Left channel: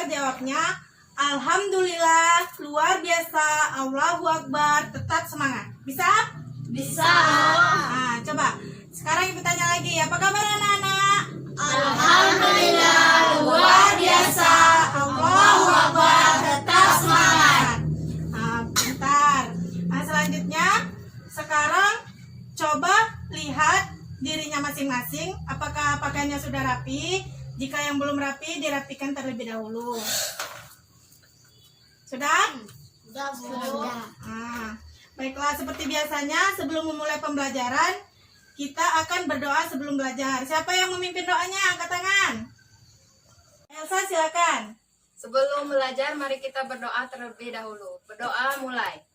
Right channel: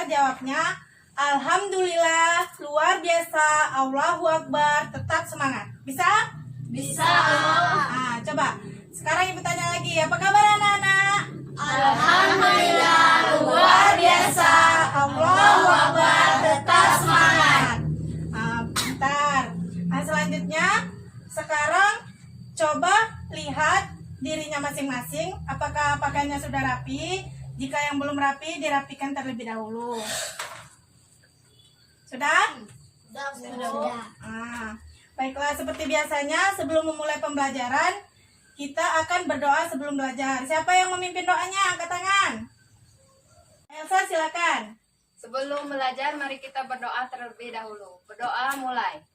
belajar, jawabnya Alhamdulillah, luar biasa, Allahu Akbar, tetap semangat. Bisa? Bisa. Nah, coba. Sekarang ibu tanya lagi, apa kabar anak-anak? Alhamdulillah, luar biasa, Allahu Akbar, tetap semangat. Nah, bentar. Nah, selanjutnya, sekarang coba lihat dirinya masing-masing. Apakah pakaiannya sudah rapi? Jika yang belum rapi, dirapikan terlebih dahulu. Sudah? Sudah. Nah, baiklah, seperti biasanya sebelum memulai pembelajaran, kita akan berdoa sebelum belajar. Siapa yang memimpin doanya? Angkat tangan. Elsa, silakan. Sebelum belajar, mari kita berdoa terlebih dahulu. Berdoa mulai.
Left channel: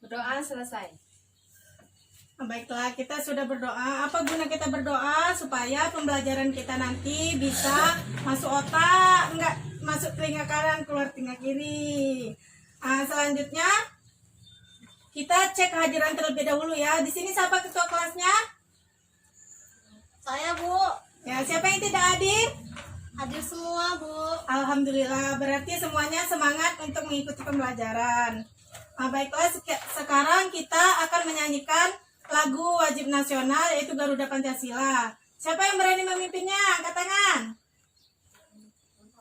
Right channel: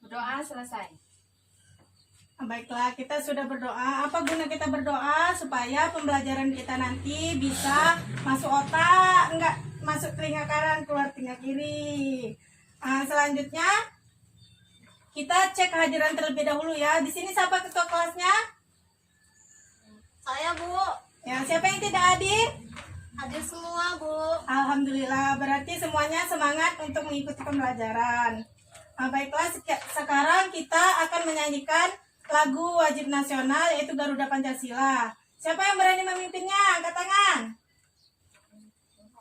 Berdoa selesai. Baiklah, kita sudah berdoa. Apa guna kita berdoa? Supaya pembelajaran kita nanti bisa masuk otak, enggak masuk telinga kanan, keluar telinga kiri. Nah, selanjutnya kita cek kehadiran terlebih dahulu ya. Di sini siapa ketua kelasnya? Saya, Bu. Ya, siapa yang tidak hadir? Hadir semua, Bu. Alhamdulillah, berarti semuanya semangat untuk mengikuti pembelajaran. Nah, baiklah, sekarang kita akan menyanyikan lagu wajib nasional, yaitu Garuda Pancasila. Siapa yang berani memimpinnya? Angkat tangan.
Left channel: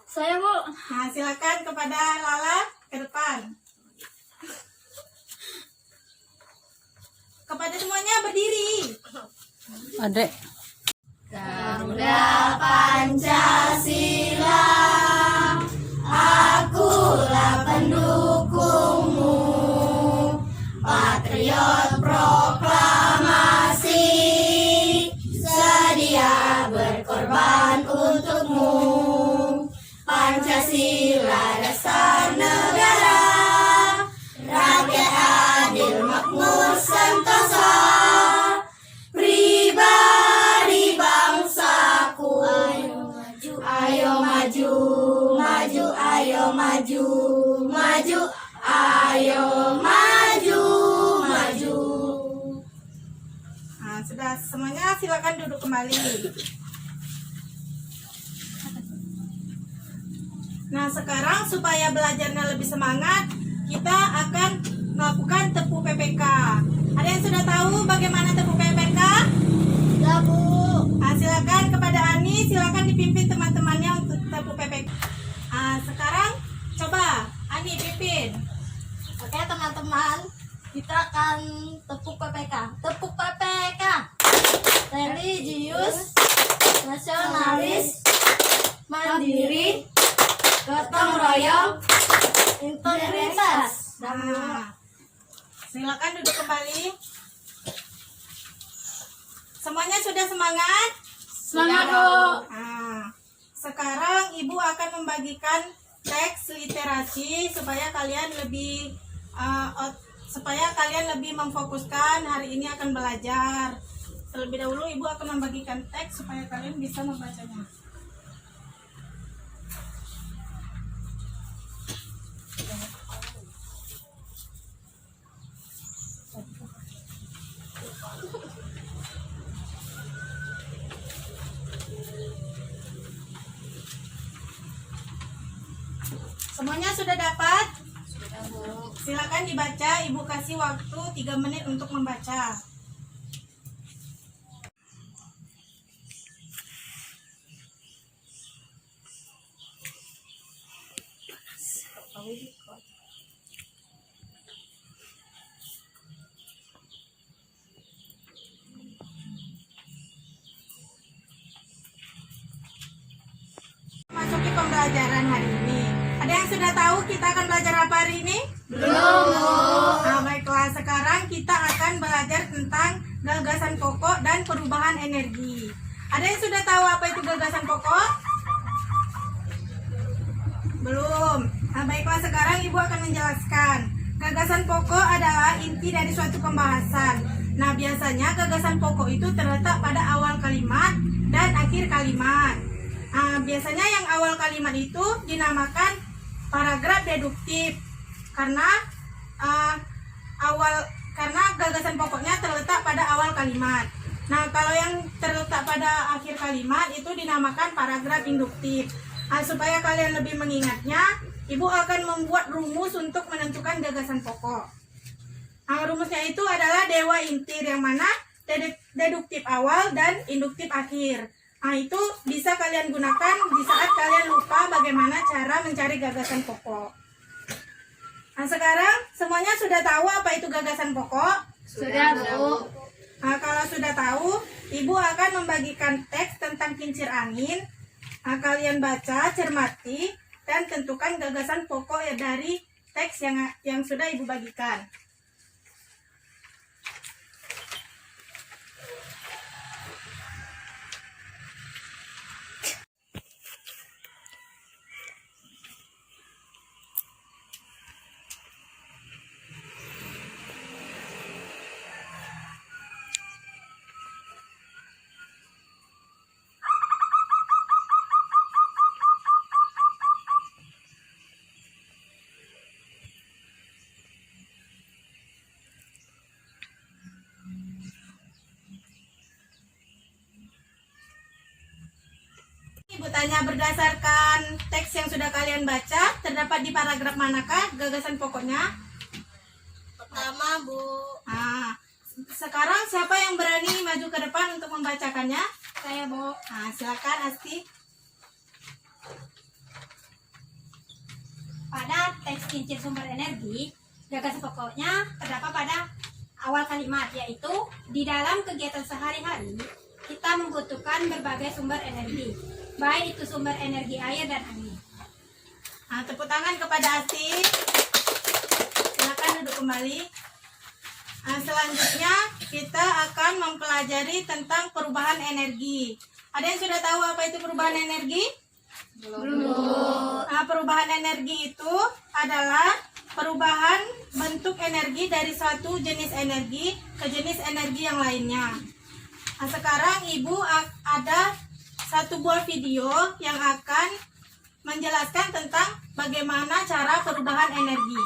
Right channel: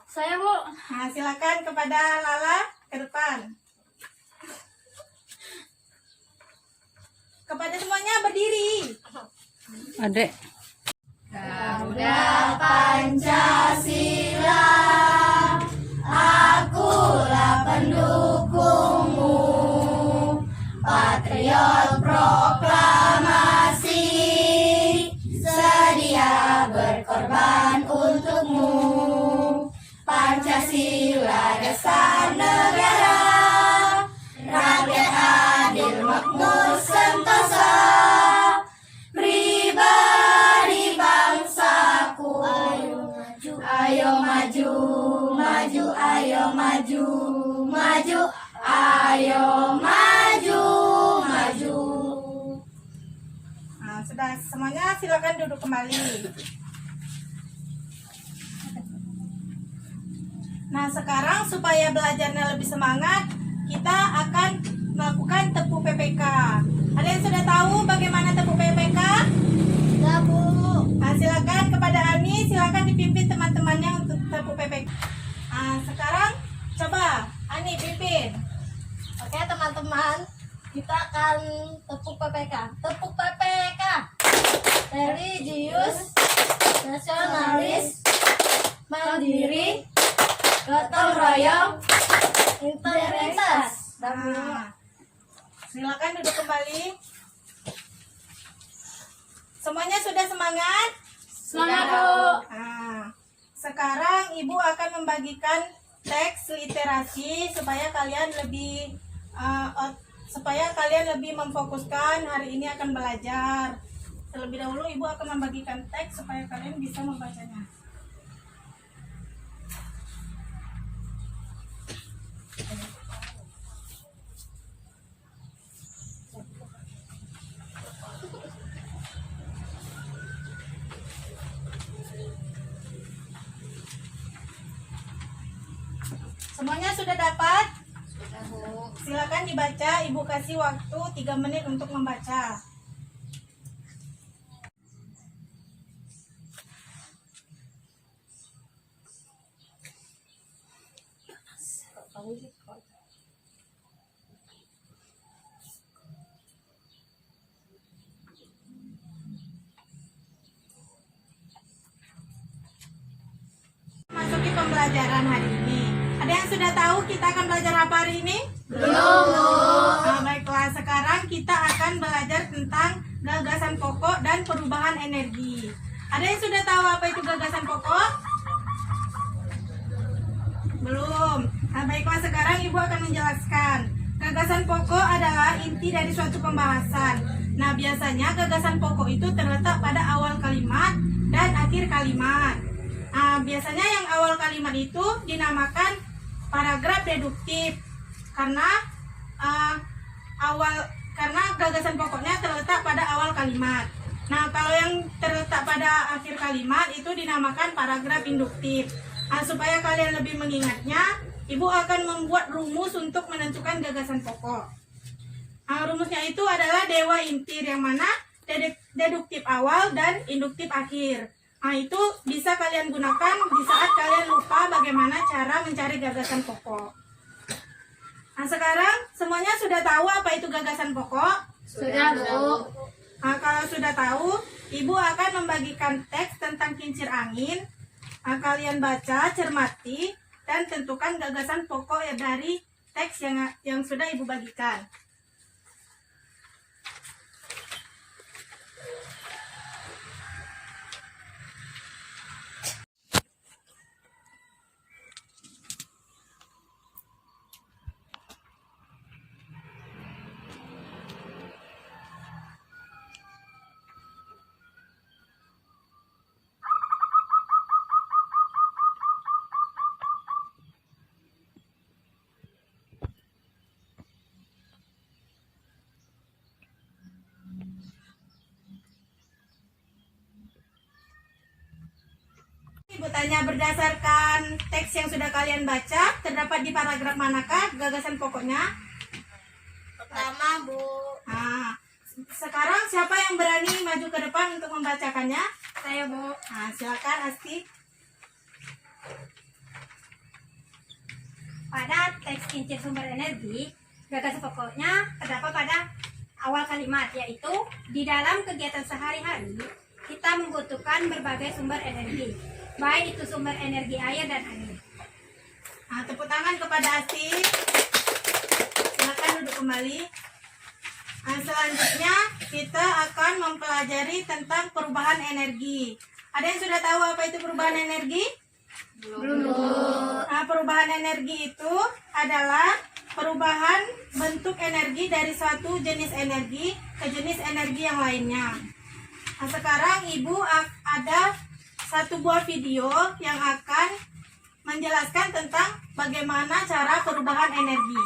Saya, Bu. Nah, silakan kepada Lala ke depan. Kepada semuanya berdiri. Adek. Garuda Pancasila, akulah pendukungmu, patriot proklamasi, sedia berkorban untukmu. Pancasila dasar negara, rakyat adil makmur sentosa, pribadi bangsaku. Ayo maju, maju, ayo maju, maju, ayo maju, maju. Nah, sudah semuanya, silakan duduk kembali. Nah, sekarang supaya belajarnya lebih semangat, kita akan melakukan tepu PPK. Ada yang sudah tahu bagaimana tepu PPK? Ya, Bu. Nah, silakan kepada Ani, silakan dipimpin teman-temannya untuk tepu PPK. Nah, sekarang coba Ani pimpin. Oke, teman-teman, kita akan tepuk PPK. Tepuk PPK. Religius, nasionalis, mandiri, gotong royong, integritas. Nah, silakan duduk kembali. Semuanya sudah semangat? Semangat, Bu. Nah, sekarang Ibu akan membagikan teks literasi supaya kalian lebih memfokuskan hari ini akan belajar. Terlebih dahulu Ibu akan membagikan teks supaya kalian bisa membacanya. Semuanya sudah dapat? Sudah, Bu. Silakan dibaca, Ibu kasih waktu 3 menit untuk membaca. Masuki pembelajaran hari ini. Ada yang sudah tahu kita akan belajar apa hari ini? Belum, Bu. Nah, baiklah, sekarang kita akan belajar tentang gagasan pokok dan perubahan energi. Ada yang sudah tahu apa itu gagasan pokok? Belum. Nah, baiklah, sekarang Ibu akan menjelaskan. Gagasan pokok adalah inti dari suatu pembahasan. Nah, biasanya gagasan pokok itu terletak pada awal kalimat dan akhir kalimat. Nah, biasanya yang awal kalimat itu dinamakan paragraf deduktif karena karena gagasan pokoknya terletak pada awal kalimat. Nah, kalau yang terletak pada akhir kalimat itu dinamakan paragraf induktif. Nah, supaya kalian lebih mengingatnya, Ibu akan membuat rumus untuk menentukan gagasan pokok. Nah, rumusnya itu adalah dewa intir, yang mana deduktif awal dan induktif akhir. Nah, itu bisa kalian gunakan di saat kalian lupa bagaimana cara mencari gagasan pokok. Nah, sekarang semuanya sudah tahu apa itu gagasan pokok? Sudah, Bu. Nah, kalau sudah tahu, Ibu akan membagikan teks tentang kincir angin. Nah, kalian baca, cermati, dan tentukan gagasan pokok dari teks yang sudah Ibu bagikan. Ibu tanya, berdasarkan teks yang sudah kalian baca, terdapat di paragraf manakah gagasan pokoknya? Pertama, Bu. Nah, sekarang siapa yang berani maju ke depan untuk membacakannya? Saya, Bu. Nah, silakan Asti. Pada teks kincir sumber energi, gagasan pokoknya terdapat pada awal kalimat, yaitu di dalam kegiatan sehari-hari kita membutuhkan berbagai sumber energi, baik itu sumber energi air dan angin. Nah, tepuk tangan kepada Asti. Silakan duduk kembali. Nah, selanjutnya kita akan mempelajari tentang perubahan energi. Ada yang sudah tahu apa itu perubahan energi? Belum. Nah, perubahan energi itu adalah perubahan bentuk energi dari suatu jenis energi ke jenis energi yang lainnya. Nah, sekarang Ibu ada satu buah video yang akan menjelaskan tentang bagaimana cara perubahan energi.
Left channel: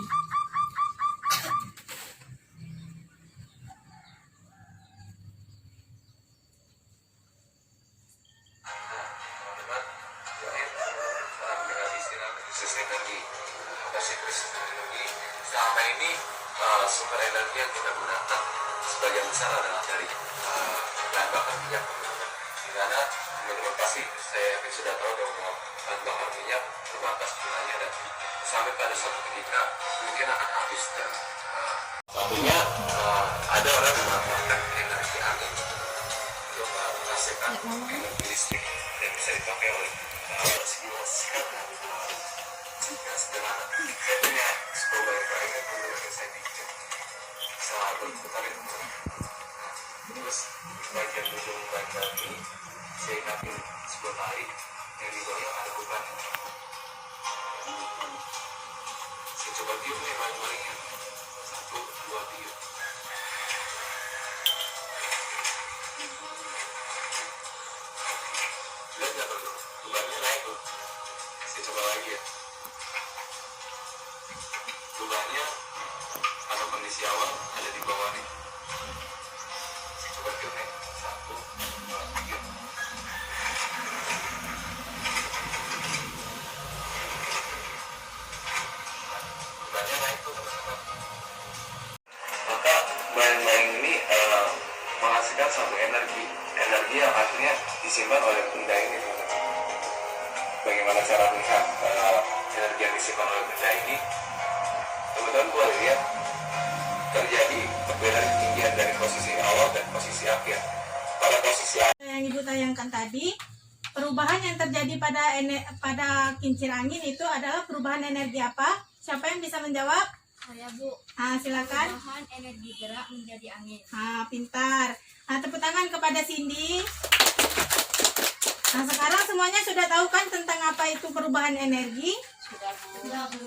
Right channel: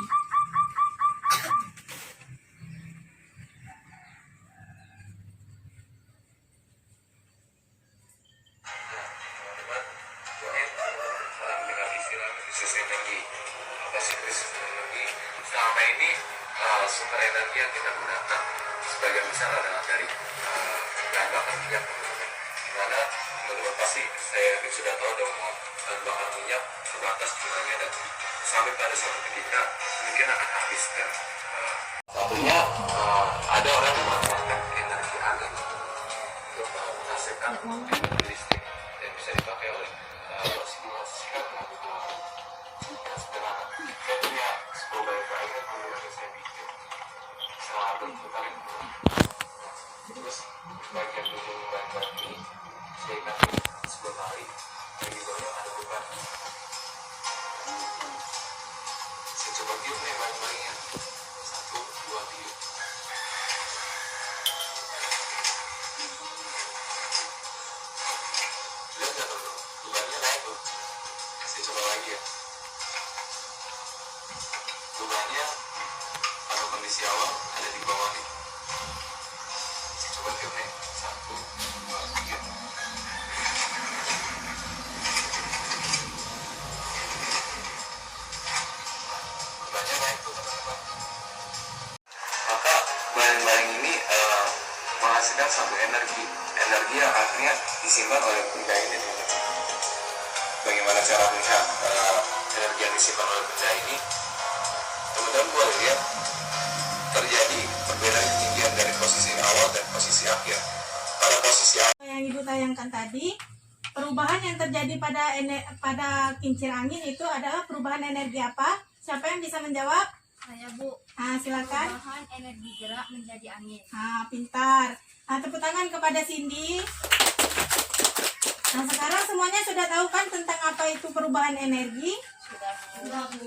Dengan istilah krisis energi. Apa sih krisis energi? Selama ini sumber energi yang kita gunakan sebagian besar adalah dari bahan bakar minyak. Dimana menurut pasti saya yakin sudah tahu bahwa bahan bakar minyak terbatas jumlahnya dan sampai pada suatu ketika mungkin akan habis. Dan satunya ada orang yang memanfaatkan energi angin untuk menghasilkan energi listrik dan bisa dipakai oleh simulasikan sederhana. Saya punya sebuah bayar yang saya bikin salah berputar itu. Terus bagian ujung bayar ini saya kasih sebuah tali dan di bawahnya ada beban. Saya coba tiup nih bayar-bayarnya. 1, 2 tiup. Lihat nggak tuh? Bebannya naik tuh. Saya coba lagi ya. Bebannya pada kondisi awal ada di bawah nih. Saya coba tiup nih. 1, 2, 3. Bebannya naik tuh teman-teman. Maka bayang-bayang ini menghasilkan satu energi yang akhirnya disimpan oleh benda ini. Bagaimana cara melihat energi yang disimpan oleh benda ini? Teman-teman boleh lihat terjadi perbedaan ketinggian dari posisi awal dan posisi akhir. Pada posisi awal Yang Ibu tayangkan tadi, perubahan yang terjadi pada kincir angin itu adalah perubahan energi apa? Siapa yang bisa menjawab? Saya, Bu. Nah, silakan. Perubahan energi gerak menjadi angin. Nah, pintar. Nah, tepuk tangan kepada Cindy. Nah, sekarang semuanya sudah tahu kan tentang apa itu perubahan energi? Sudah, Bu.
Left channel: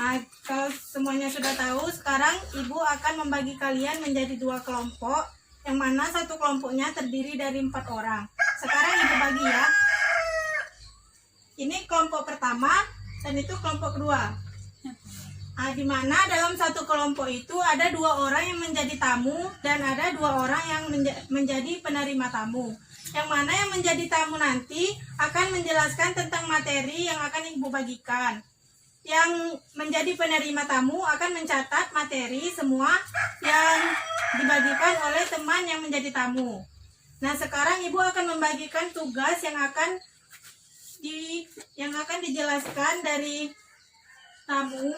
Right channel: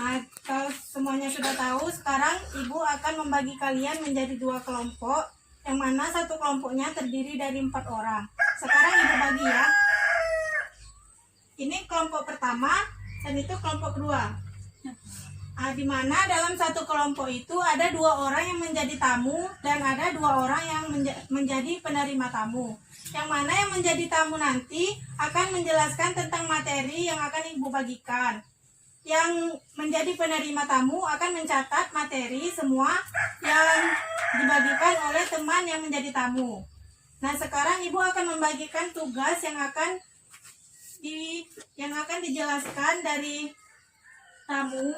Nah, kalau semuanya sudah tahu, sekarang Ibu akan membagi kalian menjadi 2 kelompok, yang mana satu kelompoknya terdiri dari 4 orang. Sekarang Ibu bagi ya. Ini kelompok pertama dan itu kelompok kedua. Di mana dalam satu kelompok itu ada 2 orang yang menjadi tamu dan ada 2 orang yang menjadi penerima tamu. Yang mana yang menjadi tamu nanti akan menjelaskan tentang materi yang akan ibu bagikan. Yang menjadi penerima tamu akan mencatat materi semua yang dibagikan oleh teman yang menjadi tamu. Nah, sekarang ibu akan membagikan tugas yang akan dijelaskan dari tamu.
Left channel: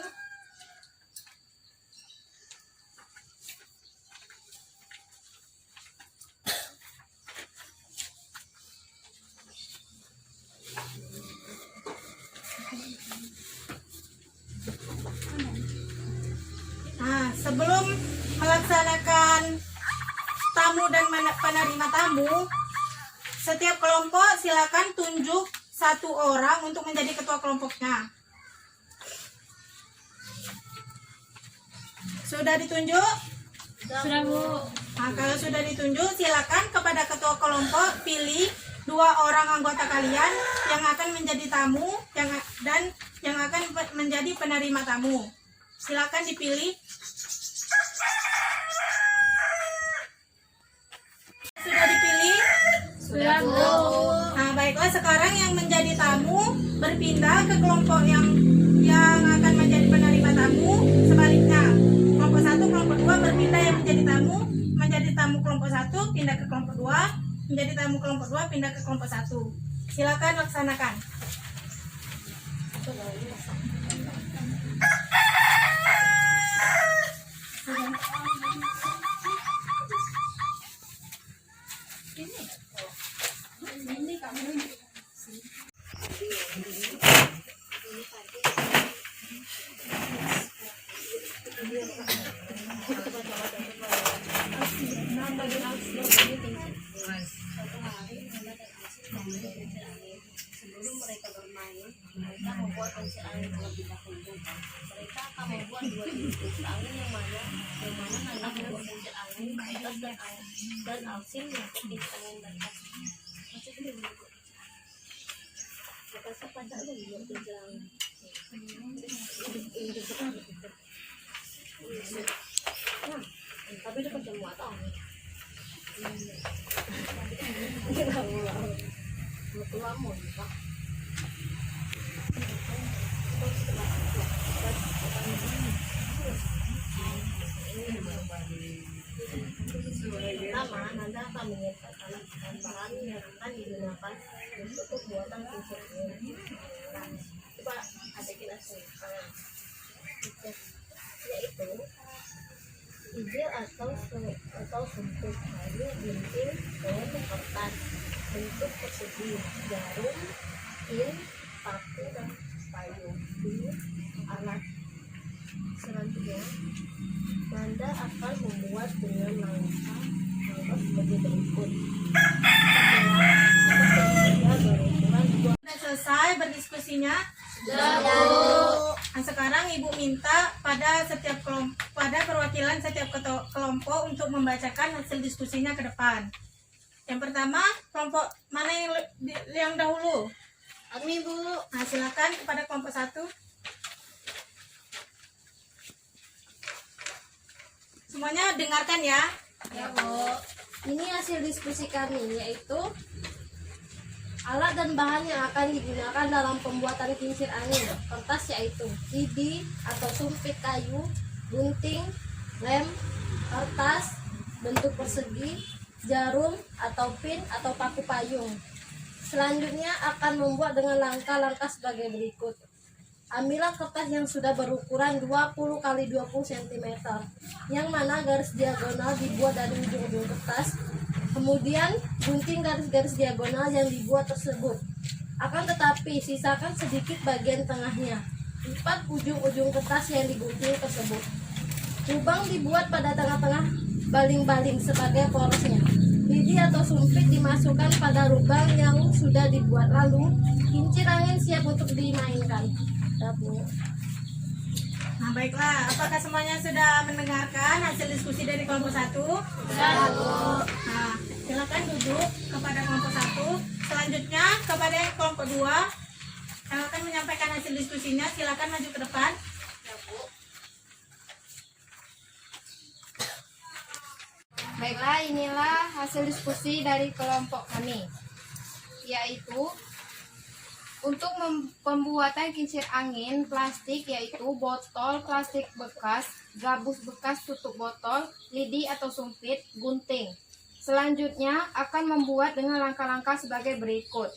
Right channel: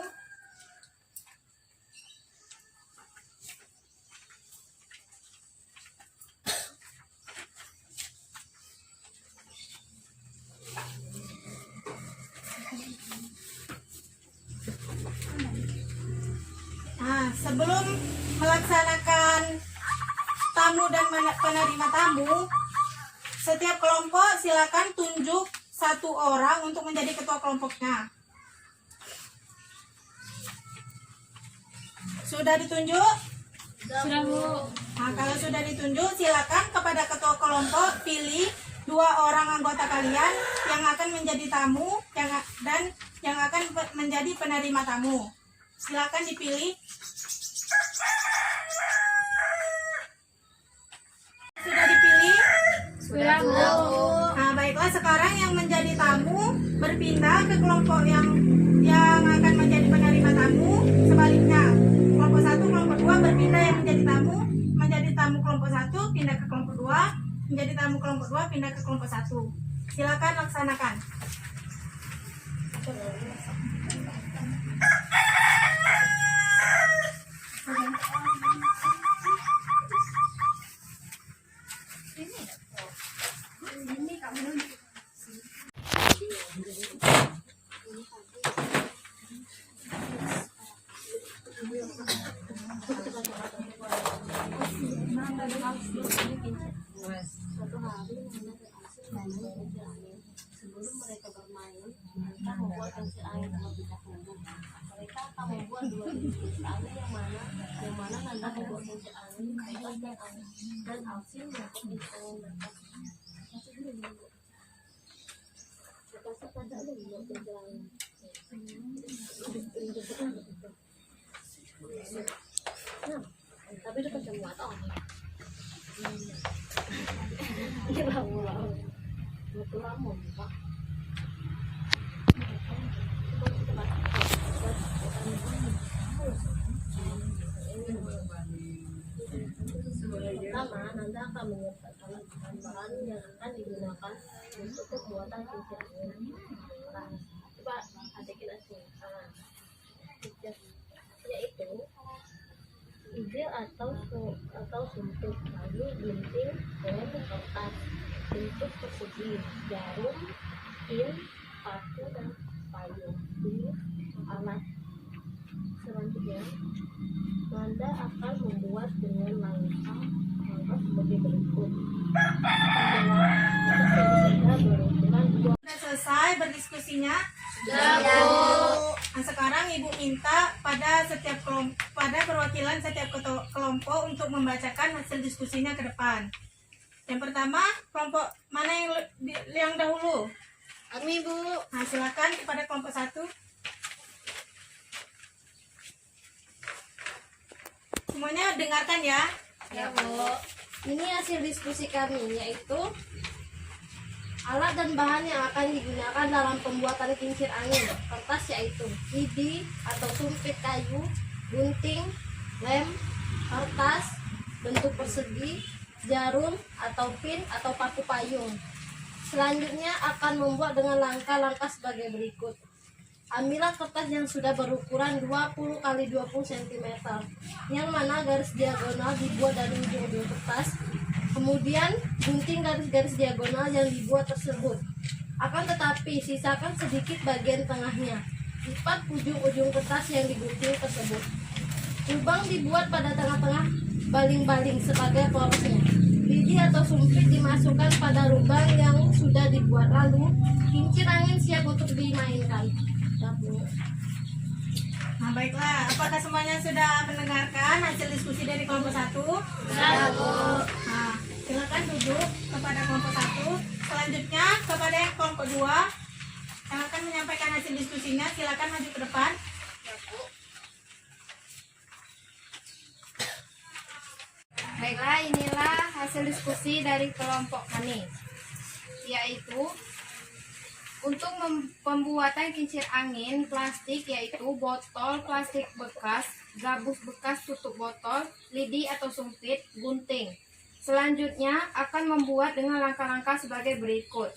Nah, sebelum melaksanakan tamu dan penerima tamu, setiap kelompok silakan tunjuk 1 orang untuk menjadi ketua kelompoknya. Sudah ditunjuk? Sudah, Bu. Nah, kalau sudah ditunjuk, silakan kepada ketua kelompok pilih 2 orang anggota kalian yang akan menjadi tamu dan yang akan menjadi penerima tamu. Silakan dipilih. Sudah dipilih? Sudah, Bu. Nah, baiklah, sekarang yang menjadi tamu berpindah ke kelompok yang akan menjadi penerima tamu. Sebaliknya, kelompok 1, kelompok 2 berpindah yang menjadi tamu kelompok 1 pindah ke kelompok 2, menjadi tamu kelompok 2 pindah ke kelompok 1. Silakan laksanakan. Sebelum mereka bermain, mereka membuat kincir angin terlebih dahulu. Mereka akan membuat 2 jenis kincir angin yang mana Nanda membuat kincir angin kertas dan Alsin membuat kincir angin kertas. Kertasnya pada lu membuat kincir angin. Nah, tapi dapat semua tau. Lama, Pak. Pertama, Nanda akan menyiapkan bahan yang akan digunakan untuk pembuatan kincir angin. Coba adekin asli. Yaitu ijel atau sumpit, lalu gunting dan kertas bentuk persegi, jarum, pin, paku, dan payung. Ini alat. Selanjutnya, Nanda akan membuat dengan langkah sebagai berikut. Sudah selesai berdiskusinya? Sudah, Bu. Nah, sekarang ibu minta pada perwakilan setiap kelompok untuk membacakan hasil diskusinya ke depan. Yang pertama, kelompok mana yang dahulu? Kami, Bu. Nah, silakan kepada kelompok 1. Semuanya dengarkan ya. Ya, Bu. Ini hasil diskusi kami, yaitu alat dan bahan yang akan digunakan dalam pembuatan kincir angin kertas, yaitu lidi atau sumpit kayu, gunting, lem, kertas bentuk persegi, jarum atau pin atau paku payung. Selanjutnya akan membuat dengan langkah-langkah sebagai berikut. Ambillah kertas yang sudah berukuran 20 x 20 cm, yang mana garis diagonal dibuat dari ujung-ujung kertas. Kemudian gunting garis-garis diagonal yang dibuat tersebut. Akan tetapi sisakan sedikit bagian tengahnya. Lipat ujung-ujung kertas yang digunting tersebut. Lubang dibuat pada tengah-tengah baling-baling sebagai porosnya. Lidi atau sumpit dimasukkan pada lubang yang sudah dibuat, lalu kincir angin siap untuk dimainkan. Nah, baiklah, apakah semuanya sudah mendengarkan hasil diskusi dari kelompok 1? Sudah, Bu. Nah, silakan duduk kepada kelompok 1. Selanjutnya kepada kelompok 2 yang akan menyampaikan hasil diskusinya, silakan maju ke depan. Ya, Bu. Baiklah, inilah hasil diskusi dari kelompok kami, yaitu untuk pembuatan kincir angin plastik, yaitu botol plastik bekas, gabus bekas tutup botol, lidi atau sumpit, gunting. Selanjutnya akan membuat dengan langkah-langkah sebagai berikut.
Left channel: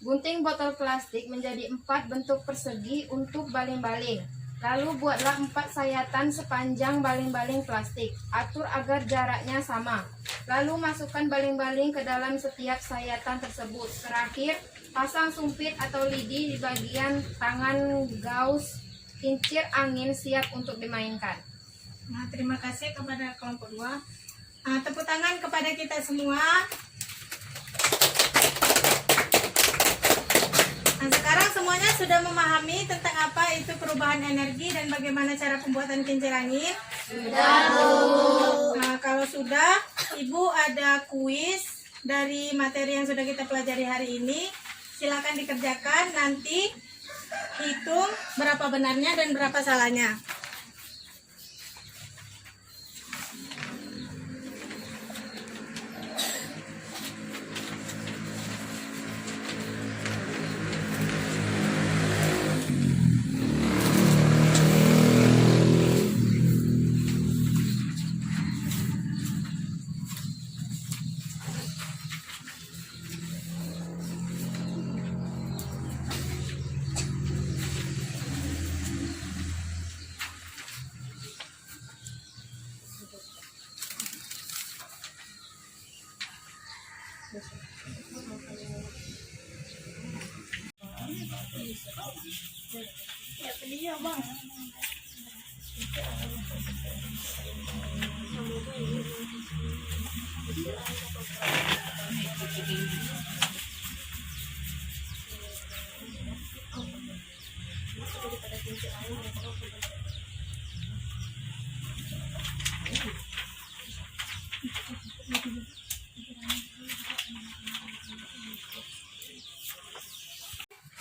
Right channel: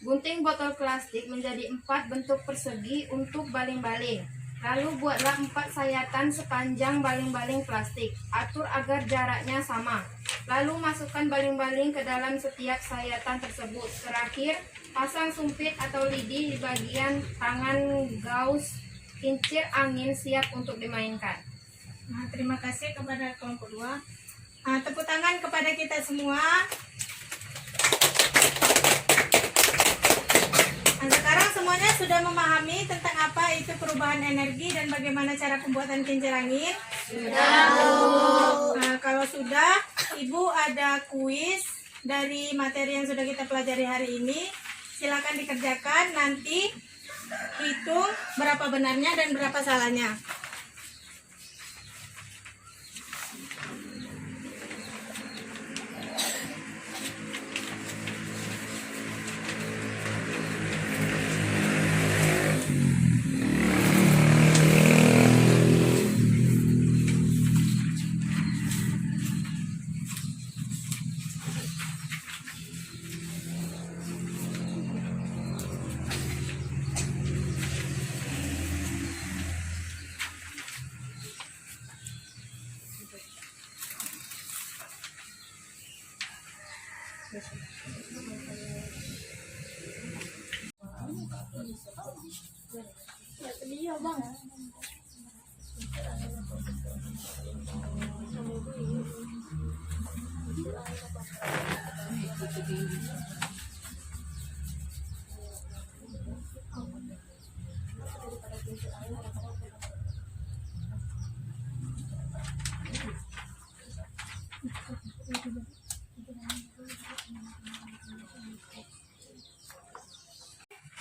Gunting botol plastik menjadi 4 bentuk persegi untuk baling-baling. Lalu buatlah 4 sayatan sepanjang baling-baling plastik. Atur agar jaraknya sama. Lalu masukkan baling-baling ke dalam setiap sayatan tersebut. Terakhir, pasang sumpit atau lidi di bagian tangan gaus kincir angin siap untuk dimainkan. Nah, terima kasih kepada kelompok 2. Tepuk tangan kepada kita semua. Nah, sekarang semuanya sudah memahami tentang apa itu perubahan energi dan bagaimana cara pembuatan kincir angin? Sudah. Nah, kalau sudah, Ibu ada kuis dari materi yang sudah kita pelajari hari ini. Silakan dikerjakan, nanti hitung berapa benarnya dan berapa salahnya.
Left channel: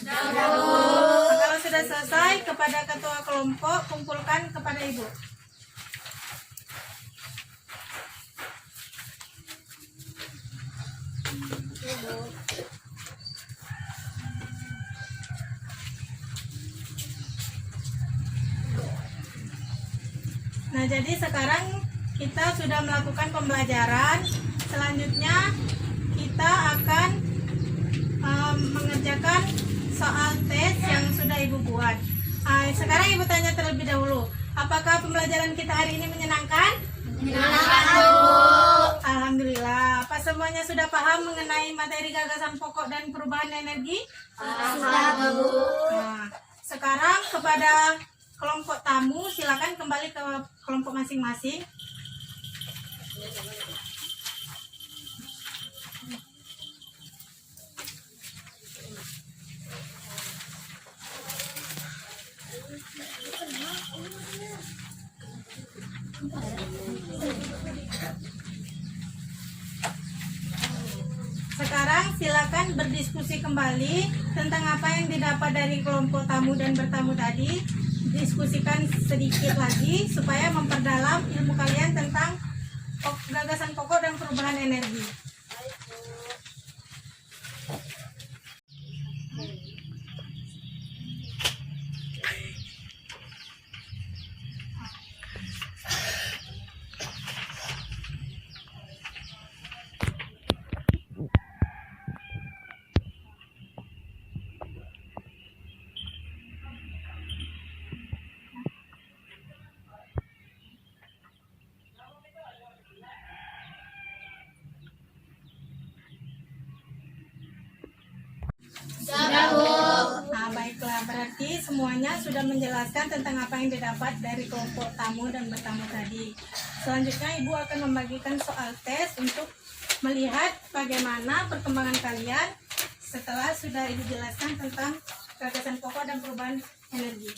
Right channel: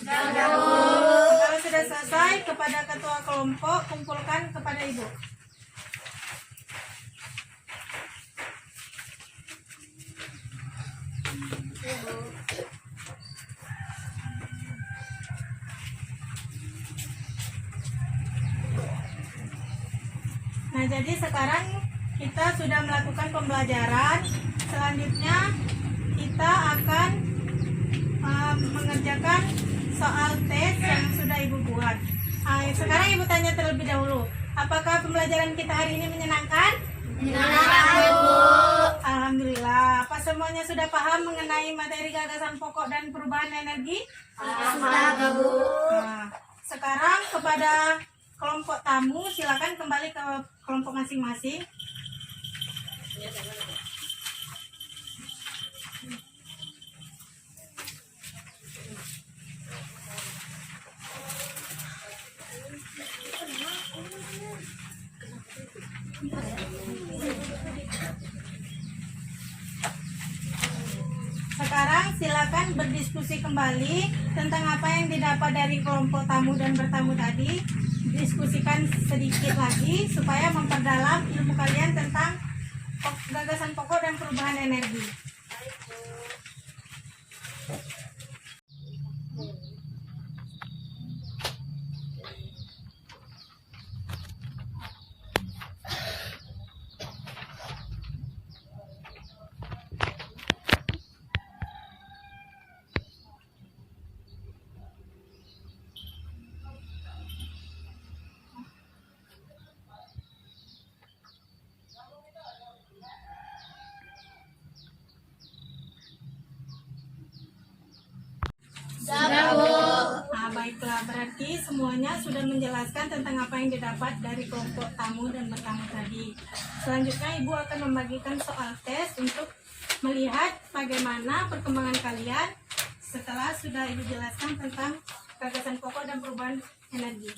Kalau sudah selesai, kepada ketua kelompok kumpulkan kepada Ibu. Nah, jadi sekarang kita sudah melakukan pembelajaran. Selanjutnya kita akan mengerjakan soal tes yang sudah Ibu buat. Sekarang Ibu tanya terlebih dahulu, apakah pembelajaran kita hari ini menyenangkan? Menyenangkan, Bu. Alhamdulillah. Apa semuanya sudah paham mengenai materi gagasan pokok dan perubahan energi? Sudah, Bu. Nah, sekarang kepada kelompok tamu, silakan kembali ke kelompok masing-masing. Sekarang silakan berdiskusi kembali tentang apa yang didapat dari kelompok tamu dan bertamu tadi. Diskusikan sedikit lagi supaya memperdalam ilmu kalian tentang gagasan pokok dan perubahan energi. Nah, baiklah, berarti semuanya sudah menjelaskan tentang apa yang didapat dari kelompok tamu dan bertamu tadi. Selanjutnya Ibu akan membagikan soal tes untuk melihat bagaimana perkembangan kalian setelah sudah Ibu jelaskan tentang gagasan pokok dan perubahan energi.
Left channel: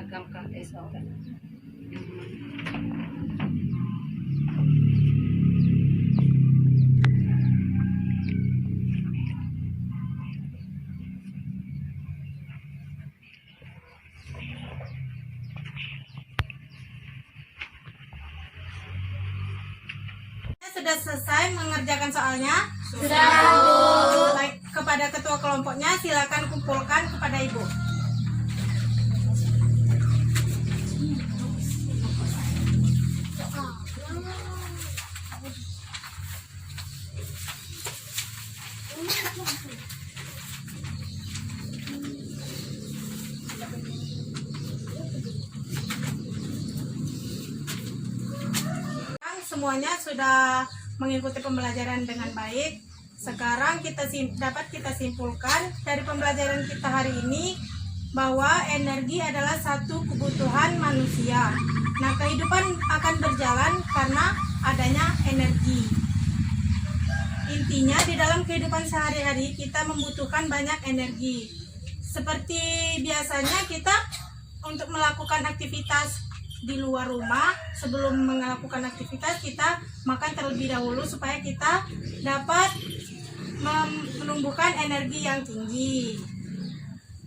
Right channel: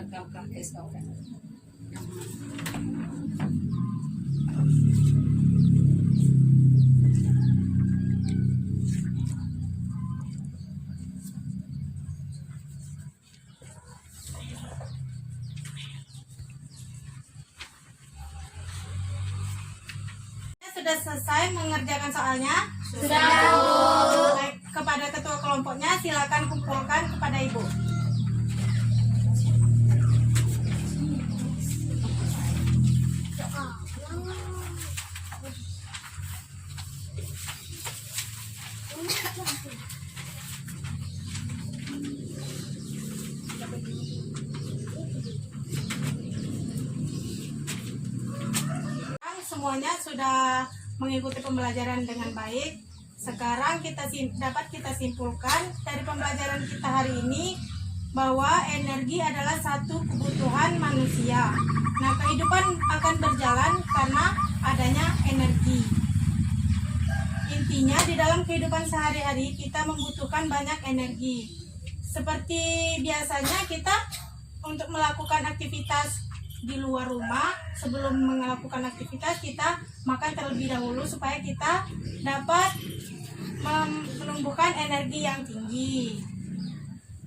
seragam KSOR. Sudah selesai mengerjakan soalnya? Sudah. Baik, kepada ketua kelompoknya silakan kumpulkan kepada ibu. Semuanya sudah mengikuti pembelajaran dengan baik. Sekarang dapat kita simpulkan dari pembelajaran kita hari ini bahwa energi adalah satu kebutuhan manusia. Nah, kehidupan akan berjalan karena adanya energi. Intinya di dalam kehidupan sehari-hari kita membutuhkan banyak energi. Seperti biasanya kita untuk melakukan aktivitas di luar rumah, sebelum melakukan aktivitas kita makan terlebih dahulu supaya kita dapat menumbuhkan energi yang tinggi.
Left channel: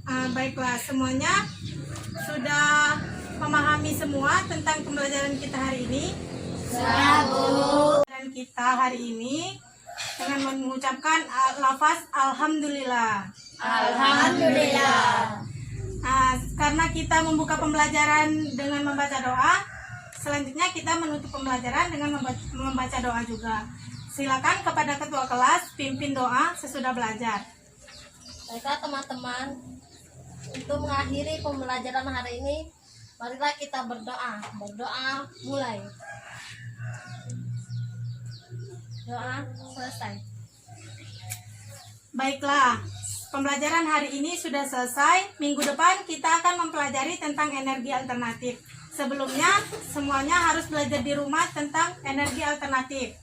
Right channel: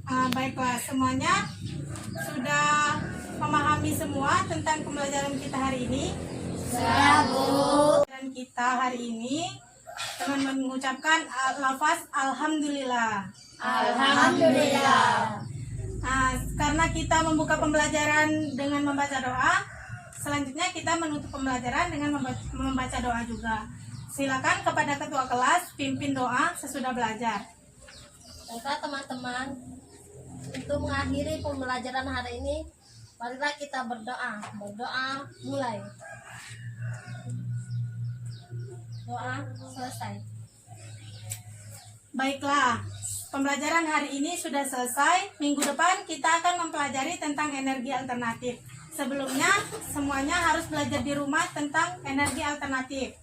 Baiklah, semuanya sudah memahami semua tentang pembelajaran kita hari ini. Sudah, Bu. Dan kita hari ini dengan mengucapkan lafaz alhamdulillah. Alhamdulillah. Nah, karena kita membuka pembelajaran dengan membaca doa, selanjutnya kita menutup pembelajaran dengan membaca doa juga. Silakan kepada ketua kelas pimpin doa sesudah belajar. Baiklah teman-teman, untuk mengakhiri pembelajaran hari ini, marilah kita berdoa. Berdoa mulai. Doa selesai. Baiklah, pembelajaran hari ini sudah selesai. Minggu depan kita akan mempelajari tentang energi alternatif. Sebelumnya, semuanya harus belajar di rumah tentang energi alternatif.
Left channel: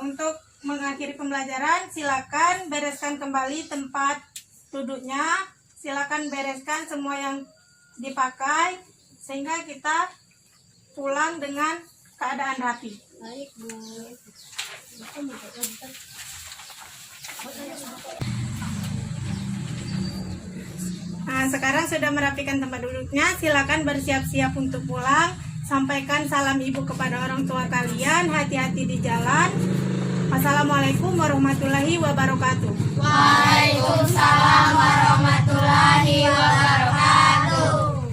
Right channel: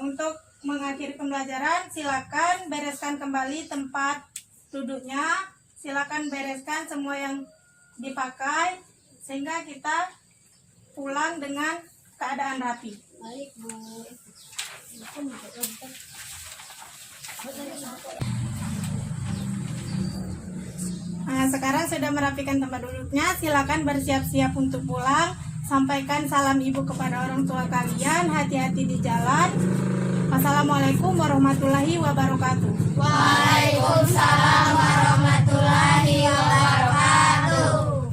Untuk mengakhiri pembelajaran, silakan bereskan kembali tempat duduknya. Silakan bereskan semua yang dipakai sehingga kita pulang dengan keadaan rapi. Baik, Bu. Nah, sekarang sudah merapikan tempat duduknya, silakan bersiap-siap untuk pulang. Sampaikan salam ibu kepada orang tua kalian, hati-hati di jalan. Wassalamualaikum warahmatullahi wabarakatuh.